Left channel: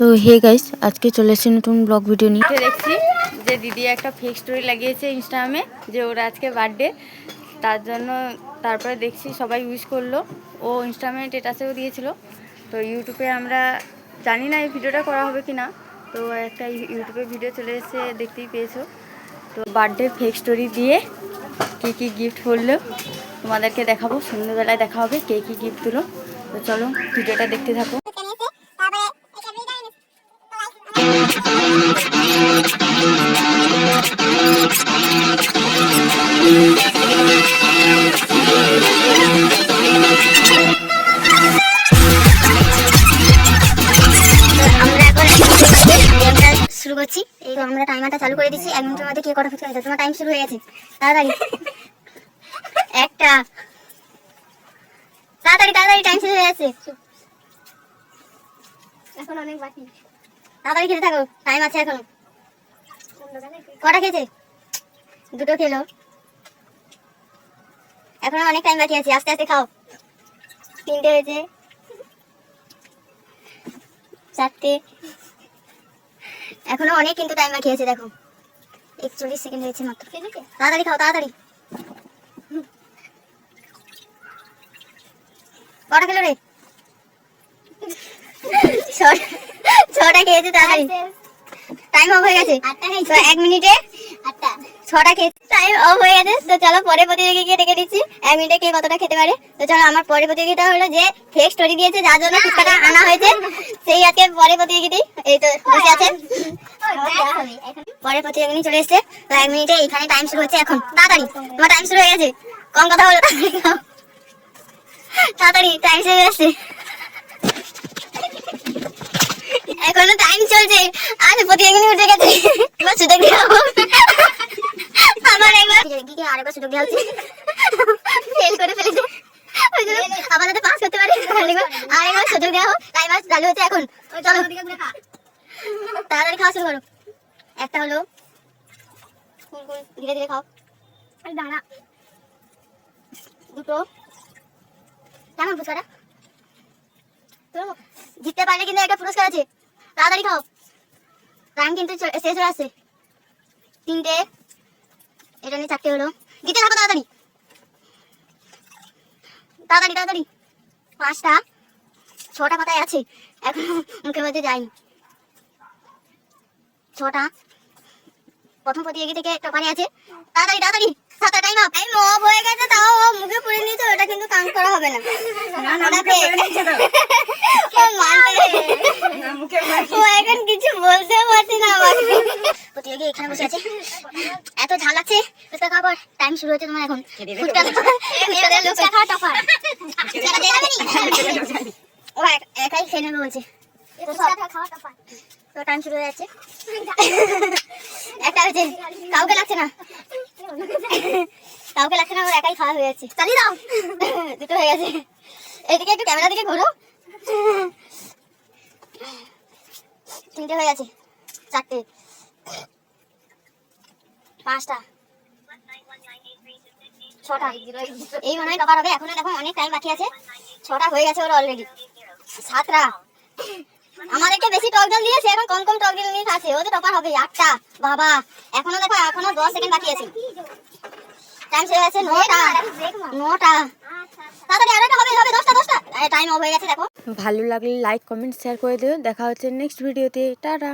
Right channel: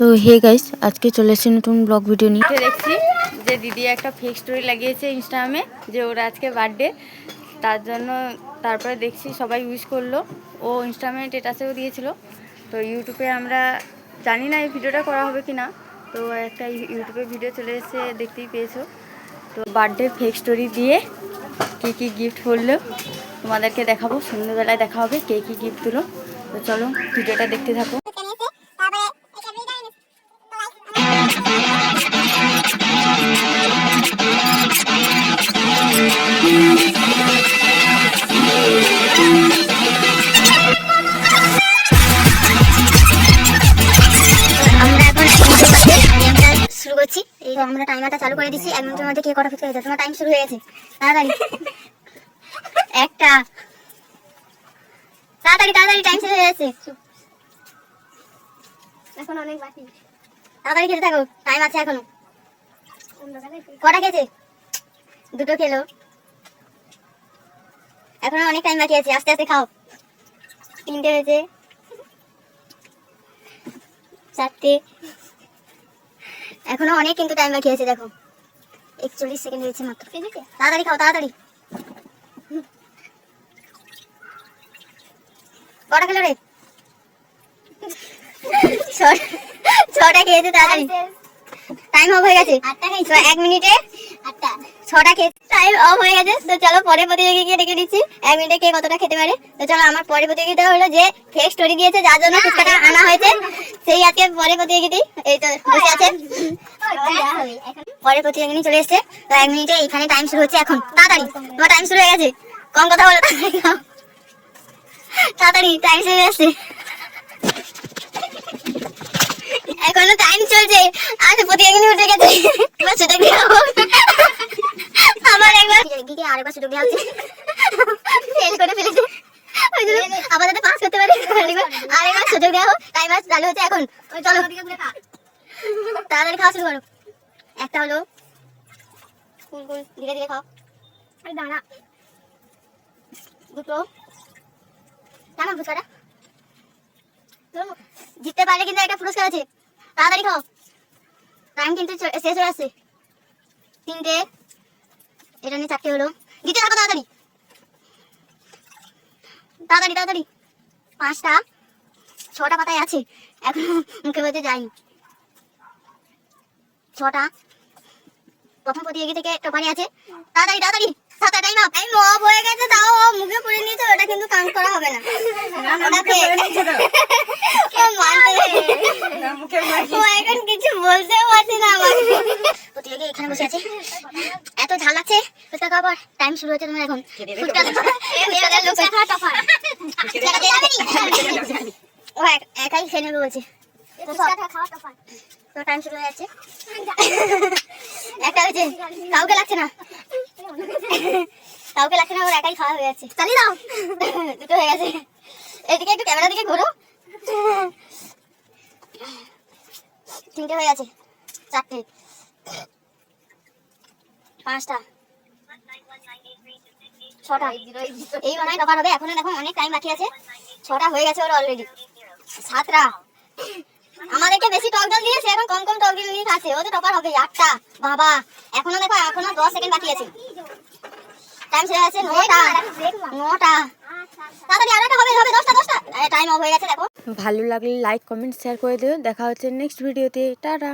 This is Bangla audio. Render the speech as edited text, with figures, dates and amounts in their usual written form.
তো হে গাইস, আজকে চলে এসেছি নতুন ব্লগ ভিডিও নিয়ে। দেখছি যে দিদি একটা ফেক স্টোরি লাগিয়েছে ইনস্টাগ্রামে যে ওর আজকে বার্থডে, তার জন্য তারপরে দেখছি সবাই উইশ করলো। ও ইনস্টাগ্রামে স্ট্যাটাসেও দিয়েছিল। তো ইউটিউবে আমরা জানি না এই ভিডিওটা করা হবে কি না, তো একটা ইউটিউবে ভিডিও চলে এসেছে, দেখতেই পেয়েছো। তো বার্থডে ফেক স্টোরি দিয়ে কী কী গিফট করলো তোমাদেরকে দেখাবো, সন্ধ্যেবেলায় দেখা হবে কে কী গিফট দিল। তো চলো ভিডিওটা দেখতে থাকো। শুরু করছি। এই তো আমরা টাইমারটা চালু করে দিচ্ছি। 1 মিনিটের মধ্যে কে কটা ফুট হয়ে যাবে। তোমার টাইম শুরু হয়ে গেছে, তাড়াতাড়ি একটা, তাড়াতাড়ি তাড়াতাড়ি টাইম শুরু হয়ে গেছে, এখন অনেক বাকি, তাড়াতাড়ি খেতে থাকো, টাইম আছে এখনো। কটা খেয়েছে? দুটো খেলো, এখনো অনেক টাইম বাকি আছে, আস্তে আস্তে খাও। 3টে হয়েছে, 4টে, এখনো অনেক কিন্তু টাইম বাকি আছে। দেখো 41 সেকেন্ড হয়েছে মাত্র। তাড়াতাড়ি খাও, তাড়াতাড়ি। কটা খেলো রে? 6টা খেয়েছে, তাড়াতাড়ি টাইম অফ হয়ে গেছে। 1 মিনিটে 6টা খেয়েছে, টাইম অফ হয়ে গেছে। তো চলো পরের প্রতিযোগীকে ডেকে দিচ্ছি, 1 মিনিটে কে কতটা খেতে পারে। তো চলো, আমার পরের প্রতিযোগিতা হলো যে ফেক স্টোরি দিয়েছে, যার জন্য ফুচকাটা আনা হয়েছে, সেই আজকে পরের প্রতিযোগিতা। এই তো বসে আছে, পরের প্রতিযোগিনী চলে এসেছে। তো 1 মিনিটে এখানে টাইম শুরু হচ্ছে এখন। তাড়াতাড়ি, তোমার টাইম শুরু হয়ে গেছে, কম কথা বলো, তাড়াতাড়ি টাইম শুরু হয়ে গেছে, এখনো টাইম চলছে। আর প্রতিযোগিনী উঠে গেছে, এবার সুযোগ দেওয়া আমার একবার দিদিকে আরেকবার সুযোগ দেওয়া হচ্ছে, ফেল করে ফেলেছে, ওই জন্য আবার যাতে পাস করতে পারে আরেকবার সুযোগ দেওয়া হোক। টাইমার চালু হচ্ছে এখন, চলো তাড়াতাড়ি খাওয়া শুরু করো। একটা হলো, ধীরে ধীরে খাও, দাঁড়া, দুটো, কেমন ফুচকাটা? জিততে পারলে কিন্তু একটা পুরস্কার আছে, তাড়াতাড়ি খাও, টাইম কিন্তু শেষ হয়ে আসছে। 3টে, এটা নিয়ে 4টে হলো, দিতে থাকো তাড়াতাড়ি তাড়াতাড়ি তাড়াতাড়ি। 5টা, 6টা পাতায় আছে, এখন মুখের মধ্যে যায়নি। 6টা, প্রথম প্রতিযোগী থেকে টপারে আছে, তাড়াতাড়ি তাড়াতাড়ি, 7টা টাইম আপ। টাইম অফ হয়ে গেছে, তাও মুখে পুরে নিয়েছে, ওটা কিন্তু কাউন্ট করা হবে না। ও এখন কিছু বলতে পারছি না। আমার প্রতিযোগী এখানে বসে আছে, এত ঝাল লাগছে ফুচকা খাওয়ার পর। টাইম শুরু হচ্ছে তোমার এখন। ও একাই খেয়ে নেবে বলছে, তো টাইম শুরু হয়ে যাচ্ছে। একটা হয়েছে, কাউকে লাগছে না, কাউকে লাগছে না, ওর একাই খাওয়া হয়ে যাচ্ছে। চালিয়ে দাও, দুটো হয়ে গেছে। এইদিকে একটু ক্যামেরা দিকে ঘোরো। 3টে হয়ে গেছে, 4টে, 5টা, 6টা, এই মনে হয় টপার হবে। এখনো দেখো অনেক টাইম বাকি আছে, 6টা হয়ে গেছে ওর অলরেডি। 7টা, আমাদেরকে বেশি টক জল দিয়েছে, এখন কম কম টক জল নিয়ে খাচ্ছে, ও তো টপার হবে। 8টা, বাবা এখনো দেখো, এখনো 10 সেকেন্ড বাকি আছে, টাইম শেষ হয়েছে। 9টা, তাড়াতাড়ি আরো একটা হবে, 10টা, টাইম অফ হয়ে গেছে। দেখো ভালো লাগলে লাইক কমেন্ট শেয়ার করে দিও। দেখা হচ্ছে নেক্সট ভিডিওতে, টাটা।